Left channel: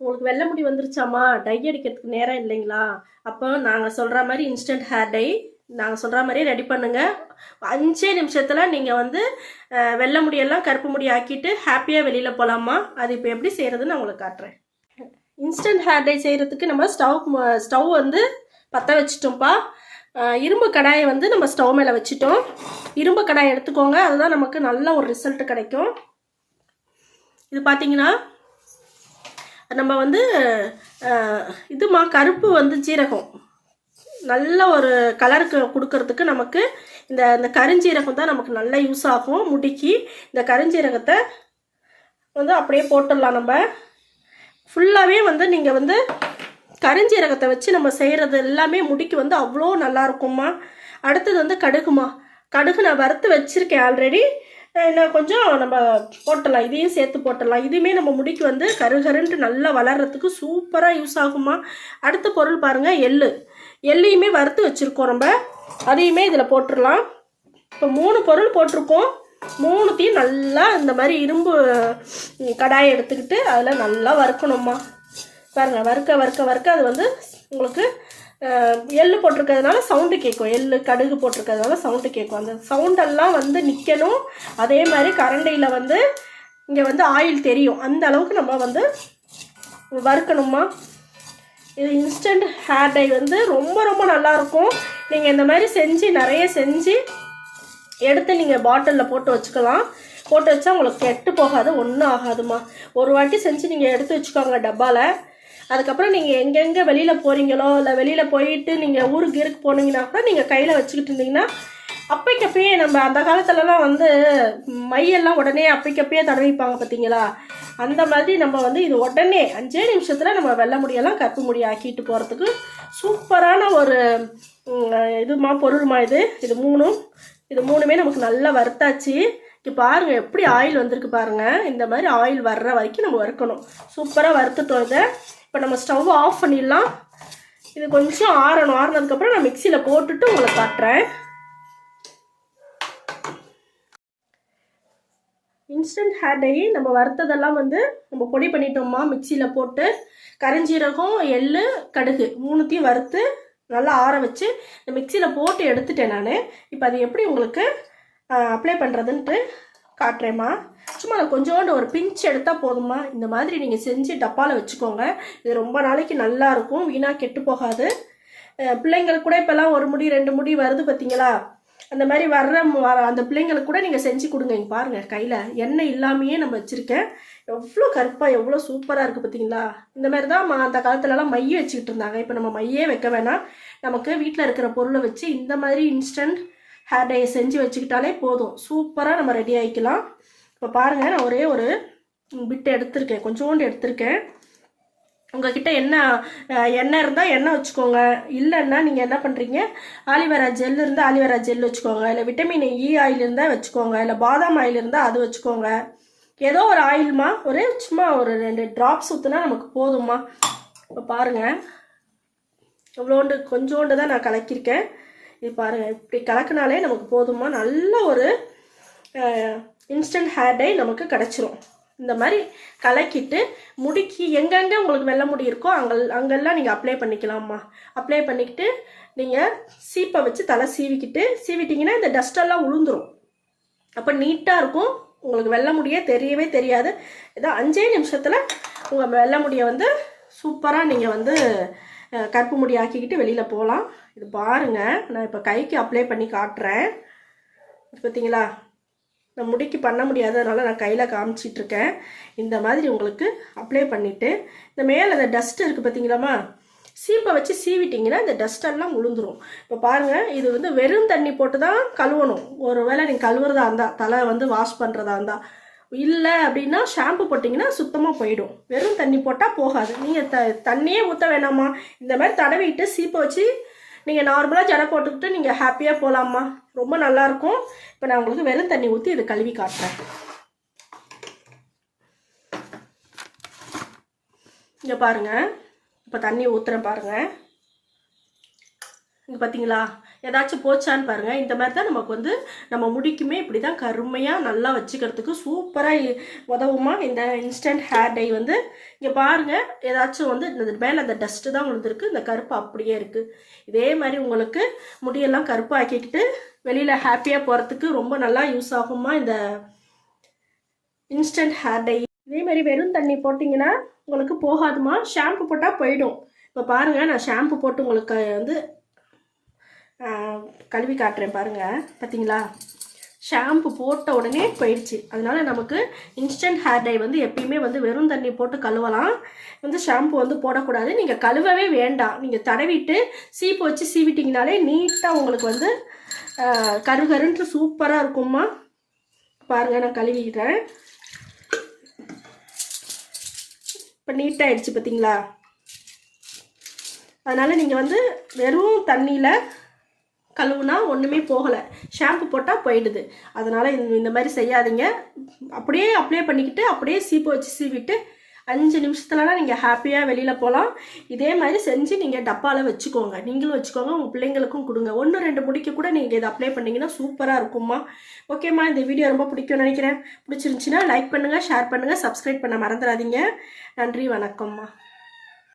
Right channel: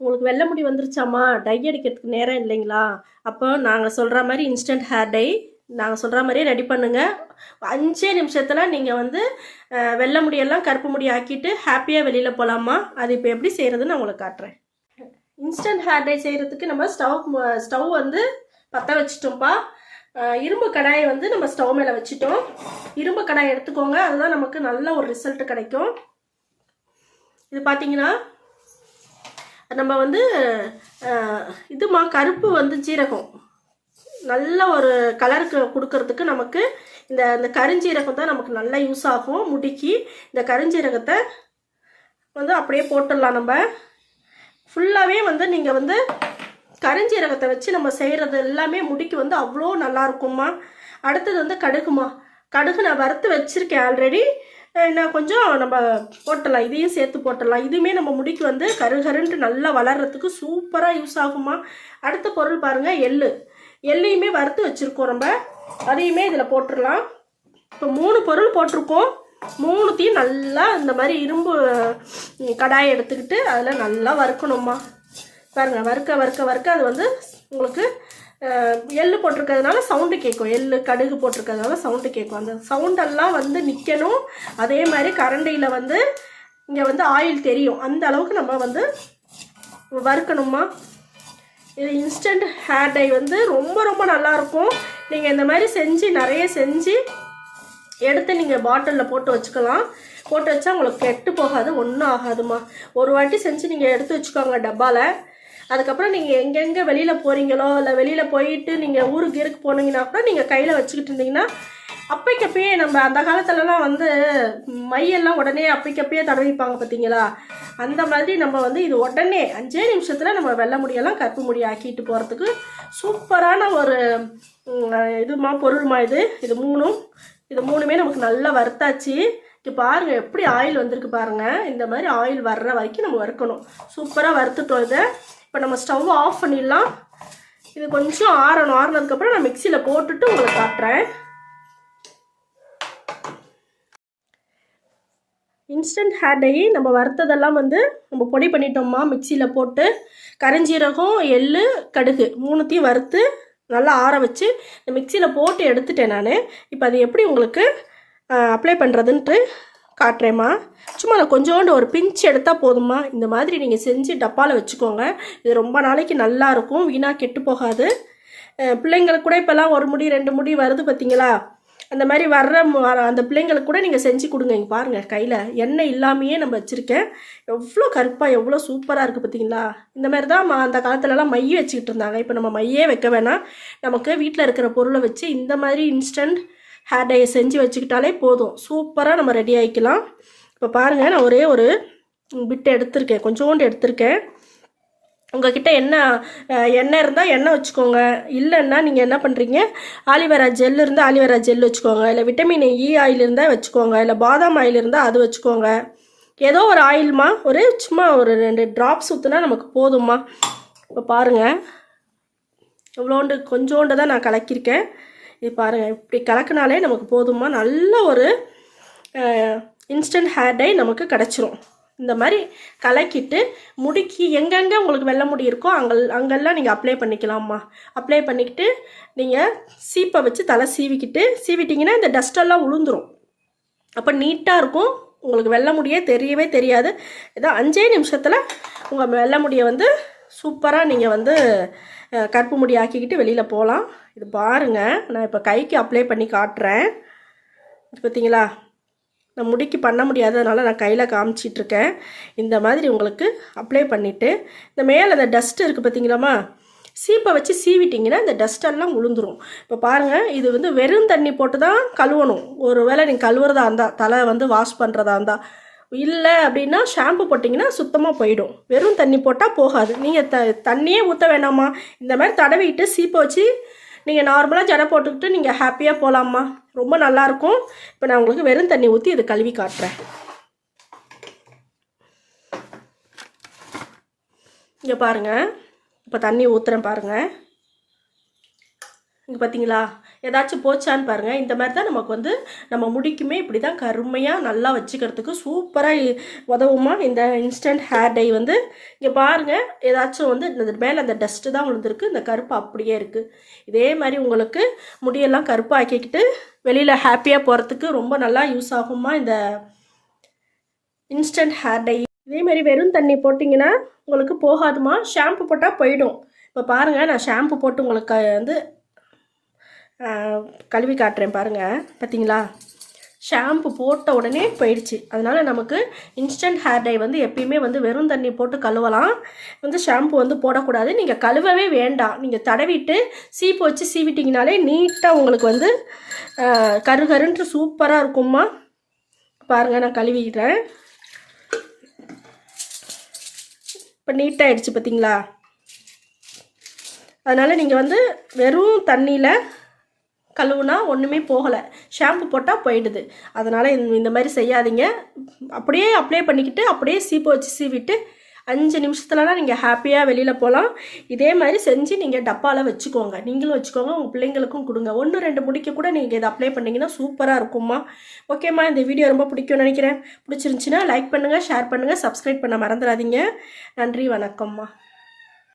உங்களுக்கு வெள்ளை முடி வந்துருச்சாம்மா, டை அடிக்கிறதுக்கு நேரம் இல்லைங்களா? அப்போ நாங்கள் சொல்கிற மாதிரி இன்ஸ்டன்ட் ஹேர் டை நாங்கள் சொல்கிற மாதிரியே ரெடி பண்ணுங்கள். 5 நிமிஷத்தில் நீங்கள் வந்து வெள்ளை முடியெல்லாம் கருப்பு முடி ஆக்கிட்டு ஹாப்பியாக வெளியில் போகலாமா. அது இப்போ எப்படி செய்கிறதுன்னு நான் உங்களுக்கு காட்டுறேன். இன்ஸ்டன்ட் ஹேர் டை செய்கிறதுக்கு நம்ம ஸ்டவ் வந்து பற்ற வச்சுட்டோம்ப்பா. இரும்பு கடாயை வந்து நம்ம ஸ்டவ் மேலே வச்சுட்டோம். இரும்பு கடாயை எடுத்துக்கோங்க, அதுதான் நமக்கு நல்ல ஒரு ரிசல்ட் கிடைக்கும். இது பார்த்தீங்கன்னா நம்ம வந்து இதுமா கருப்பு வந்து ஜீரகம் நல்ல ஒரு கலருக்கு கொடுக்கறதுக்கு நமக்கு இந்த கருஞ்சீரகம் தான் நமக்கு நல்லா யூஸ் ஆகும் முடிக்கு. இந்த கருஞ்சீரகத்தை வந்து அப்படியே போட்டுடலாம். நம்ம ஃபுல்லாகவே வந்து நீங்கள் வந்து கருஞ்சீரகத்தை வச்சு நம்ம செய்கிறது எல்லாமே முடிக்கு வந்து அவ்வளோ நல்லா இருக்கும்மா. அடுத்தது வந்து கடுகுமா. கடுகு நான் வறுத்து வச்சுருக்கேன் ஆல்ரெடி. இன்னும் கொஞ்சம் நம்ம போட்டலாம், இதையும் சேர்த்து போட்டலாம். இதுவுமே நம்ம முடிக்கு வந்து கருகருன்ட்டு நல்லா வளர்கிறதுக்கு சூப்பராக யூஸ் ஆகுமா. அடுத்த பொருள் பாருங்கள், எள்ளையுமே வறுத்து வச்சுருக்கோம். நம்ம அதையுமே இதில் போட்டுடலாம். இப்போ 3 பொருள் போட்டிருக்கோம். 3த்தையும் நல்லா இந்த மாதிரி இரும்பு கடாயை எடுத்துக்கிட்டு அதில் நல்லா வறுக்கணுமா. பாருங்கள், வறுக்க அது வந்து உங்களுக்கு எள்ளு போட்டிருக்கிறதுனால சவுண்டு கேட்கும். எள்ளு கடுகு போட்டிருக்கிறதுனால சவுண்டு கேட்கும். அந்த சவுண்டெல்லாம் வந்து நிற்கணும். அதே மாதிரி கரண்டியில் வந்து இங்கே வந்து ஆயில் தெரியும். அந்த அளவுக்கு நம்ம வந்து வறுக்கணுமா. இது இன்ஸ்டன்ட் ஹேர் டை வந்து ரொம்ப ரொம்ப நல்லாயிருக்கும். நீங்கள் இந்த மாதிரி நிறைய செஞ்சு எடுத்து நீங்கள் பாட்டிலில் போட்டு வச்சுக்கலாம். போட்டு வச்சா உங்களுக்கு கெட்டு போகாது, ஒன்றும் ஆகாதுமா. ஒரு வாட்டி செஞ்சு நீங்கள் எடுத்து வச்சுக்கோங்க டப்பாவில். அதுக்கப்புறம் நீங்கள் எங்கெங்கே வெளியில் போகிறீங்களோ இல்லை வெளியில் போயிட்டு நீங்கள் ஊருக்கு போனீங்கன்னா கூட நீங்கள் கையில் வச்சுக்கிட்டு இருந்தீங்கன்னா அப்பைக்கப்பயே நம்ம அந்த காலத்துலலாம் வந்து மையெல்லாம் உடனே அப்பைக்கப்பயே தடவிப்பாங்க பார்த்தீங்களா. அந்த மாதிரி நம்ம வந்து இது உடனே 5 நிமிஷத்தில் நம்ம வெள்ளை முடியெல்லாம் கருப்பு முடி ஆக்கிட்டு போகிறதுக்கு சூப்பரான ஒரு இதுமா பொருள்மா. இது மூணுமே நமக்கு நல்லா வறுத்தாச்சு. இங்கே பாருங்கள் எப்படி ஆயில் வந்திருக்கு பாருங்கள். இந்த மாதிரி ஆயில் வர்ற வரைக்கும் நம்ம வறுக்கணும். சூப்பராக வறுத்துட்டோம். இதை இப்போ நம்ம ஸ்டவ் ஆஃப் பண்ணிடலாம். இது கொஞ்சம் ஆறினதுக்கப்புறம் நான் மிக்சியில் போட்டுட்டு உங்களை காட்டுறேன். இன்ஸ்டன்ட் ஹேர் டை நம்ம வறுத்ததெல்லாம் வந்து நம்ம பொடி பண்ணிட்டோம்மா. மிக்சியில் போட்டு கரிஞ்சீரகம், எள்ளு, கடுகு 3த்தையும் வறுத்து நல்லா ஆற வச்சு இந்த மிக்சியில் போட்டு எடுத்துட்டேன் நான். இப்போ அது எப்படி உங்களுக்கு அப்ளை பண்ணுறதுன்ட்டு காட்டுறேம்மா. சும்மா நான் கொஞ்சோண்டு ஒரு பிஞ்ச் எடுத்தால் போதும்மா. இந்த மாதிரி நீங்கள் செஞ்சு டப்பாவில் வச்சுக்கோங்க. இது ரொம்ப நாளைக்கு நல்லாயிருக்கும், வீணாக கெட்டு போகாது. பிள்ளைங்களுக்கு கூட இப்போல்லாம் 1 முடி 2 முடி வருது பார்த்தீங்களா. அந்த மாதிரி அந்த பிள்ளைங்களுக்கு கூட நீங்கள் செஞ்சு கொடுங்க. இங்கே பாருங்கள், கையில் எண்ணெய் இல்லாமையே நம்ம வச்சுருக்கேன். எவ்வளோ கருப்பாக எவ்வளோ சூப்பராக இருக்குது பார்த்தீங்களா. இந்த மாதிரி தான் அந்த காலத்துலலாம் மைய வச்சுக்கிட்டு இருந்தாங்க. இப்போ நம்ம மையே வைக்க வேணாம். நமக்கு வீட்டில் இருக்கிற பொருளை வச்சு இந்த மாதிரி இன்ஸ்டன்ட் ஹேர் டையை செஞ்சு வச்சுக்கிட்டாலே போதும். சூப்பராக நம்ம ரெடி ஆகிக்கலாம். இப்போ பாருங்கள், நான் ஒரே ஒரு பிட்டு எடுத்திருக்கேன், கொஞ்சோண்டு எடுத்திருக்கேன். உங்கள்கிட்ட எண்ணெய் இருந்தால் எண்ணெய் வச்சுக்கோங்க. இல்லைன்னா நீங்கள் என்ன பண்ணுறீங்க, ஆலிவேரா ஜெல் இருந்தால் ஆலிவேரா ஜெல் வச்சுக்கோங்க. இல்லை விட்டமின் இ ஆயில் இருந்தால் வச்சுக்கோங்க. இல்லை பாதாம் ஆயில் இருந்தால் அது வச்சுக்கோங்க. ஏதோ ஒரு ஆயில்மா, சும்மா ஒரு 2 ட்ராப்ஸ் ஊற்றுனா நமக்கு போதும்மா. இப்போ பாருங்கள், கொஞ்சோண்டு தான் நான் கலக்கியிருக்கேன். இது பாருங்கள், இப்படி கலக்கினாலே நமக்கு போதும்மா. நல்ல ஒரு இன்ஸ்டன்ட் ஹேர் டை நமக்கு கிடச்சிரும். இந்த மாதிரி கலக்கிட்டு முடிக்கு எங்கெங்கே உங்களுக்கு வெள்ளை முடி இருக்கோ அங்கெல்லாம் நீங்கள் அப்ளை பண்ணிக்கலாம்மா. அப்ளை பண்ணிக்கிட்டு நீங்கள் சீப்பை வச்சு தலை சீவிட்டிங்கன்னா இந்த டஸ்டெல்லாம் உளுந்துரும். அப்போ நீட்டாக இருக்கும். உங்களுக்கு வெள்ளை முடியே தெரியவே தெரியாது. ஏதோ 5 நிமிஷத்தில் உங்கள் வெள்ளை முடியை வந்து சூப்பராக நீங்கள் வந்து கருப்பு முடி ஆக்கிக்கிட்டு வெளியில் போகலாம். இது பாருங்கள், நான் இப்போ கைக்கு அப்ளை பண்ணி காட்டுறேன். இது பார்த்தீங்களா, நான் முடிக்கு பண்ண முடியாததுனால நான் கையில் காமிச்சிட்ருக்கேன். இந்த மாதிரி உங்களுக்கு அப்ளை பண்ணிவிட்டு இந்த மேலே அந்த டஸ்ட்டு இருக்குது பார்த்தீங்களாம்மா, சீப்பை வச்சு சீவிட்டிங்கன்னா இந்த டஸ்டெல்லாம் உளுந்துரும். இப்போ பாருங்கள், இது வந்து வெறும் தண்ணி போட்டு தான் கழுவணும். ஒரு வேளை நீங்கள் கழுவுறதா இருந்தால், தலை வந்து வாஷ் பண்ணுறதா இருந்தால், இல்லை அப்படின்னா ஷாம்பு போட்டிங்கன்னா சுத்தமாக போயிடும். வெறும் தண்ணி போட்டால் போகாது. நீங்கள் தண்ணியே ஊற்ற வேணாமா. இந்த மாதிரி தடவிட்டு சீப்பை வச்சு நீங்கள் நார்மலாக ஜடை போட்டுக்கிட்டு நீங்கள் ஹாப்பியாக போகலாம்மா. ரொம்ப நல்லாயிருக்கும். இப்போ நான் உங்களுக்கு வெறும் தண்ணி ஊற்றி இதை கழுவி காட்டுறேன். இங்கே பாருங்கள், இப்போ தண்ணி ஊற்றுறேன் பாருங்கள். இங்கே பார்த்தீங்களா, ஏதாச்சும் போச்சான்னு பாருங்கள். இந்த மாதிரி தான் நமக்கு வந்து நம்ம முடிக்குமே இப்படி தான் கருமையாக நல்லா வச்சுக்கிறதுக்கு சூப்பராக உதவுமா இந்த இன்ஸ்டன்ட் ஹேர் டை வந்து. இங்கே பாருங்கள், ஏதாச்சும் வந்து இந்த மேலே அந்த டஸ்ட்டு தான் விழுந்திருக்கு, இந்த கருப்பு அப்படியே இருக்குது. இதே மாதிரி உங்களுக்கு முடியெல்லாம் கருப்பாக்கிக்கிட்டு வெளியில் ஹாப்பியாக போகிறதுக்கு ரொம்ப நல்லா யூஸ் ஆகுமா இந்த இன்ஸ்டன்ட் ஹேர் டை. இதே மாதிரி வெறும் தண்ணி போட்டிங்கன்னா உங்களுக்கு போகாதுமா, ஷாம்பு போட்டால் போயிடும். இப்போ பாருங்கள், நான் ஷாம்பு போட்டு உங்களுக்கு வந்து கழுவி காட்டுறேன் பாருங்கள். பார்த்தீங்களா, ஷாம்பு போட்ட உடனே போயிடுச்சு. அதனால் நமக்கு இன்ஸ்டன்ட் ஹேர் டை வந்து எப்பயுமே வந்து வெறும் தண்ணி போட்டு கழுவலாம், வந்து ஷாம்பு வந்து போடக்கூடாது. நீங்கள் கழுவவே வேண்டாம், நீங்கள் தடவிட்டு சீப்பு வச்சு சீவிட்டிங்கனாலே நீட்டாக உங்களுக்கு வந்து கருகருன்ட்டு சூப்பராக இருக்கும்மா. பாருங்கள், நான் கழுவிக்கிறேன். இப்போ நீட்டாகிடுச்சு பார்த்தீங்களா. அதனால் நீங்கள் வந்து வெறும் தண்ணியில் கழுவுனா ஒன்றுமே போகலை, ஷாம்பு போட்டால் போயிடுது. அதனால் இந்த மாதிரி செய்யாதீங்க. அப்படியே அப்ளை பண்ணிக்கிட்டு அப்படியே சீப்பு வச்சு சீவிட்டு 5 நிமிஷத்துலலாம் நீங்கள் ஹாப்பியாக வெளியில் போகலாம். இதே மாதிரி செஞ்சு நீங்கள் டப்பாவில் வச்சுக்கோங்க, நீங்களும் வச்சுக்கோங்க, உங்கள் பிள்ளைங்களுக்கும் கொடுங்க. 1-2 முடிக்க கூட நீங்கள் இதை அப்ளை பண்ணிங்கன்னா சூப்பராக இருக்கும்மா. ஓகேம்மா, இந்த வீடியோ ரொம்ப பிடிக்கும்னு நினைக்கிறேன். பிடிச்சிருந்துச்சின்னா லைக் பண்ணுங்கள், ஷேர் பண்ணுங்கள், சப்ஸ்கிரைப் பண்ண மறந்துடாதீங்க. நன்றி, வணக்கம்மா.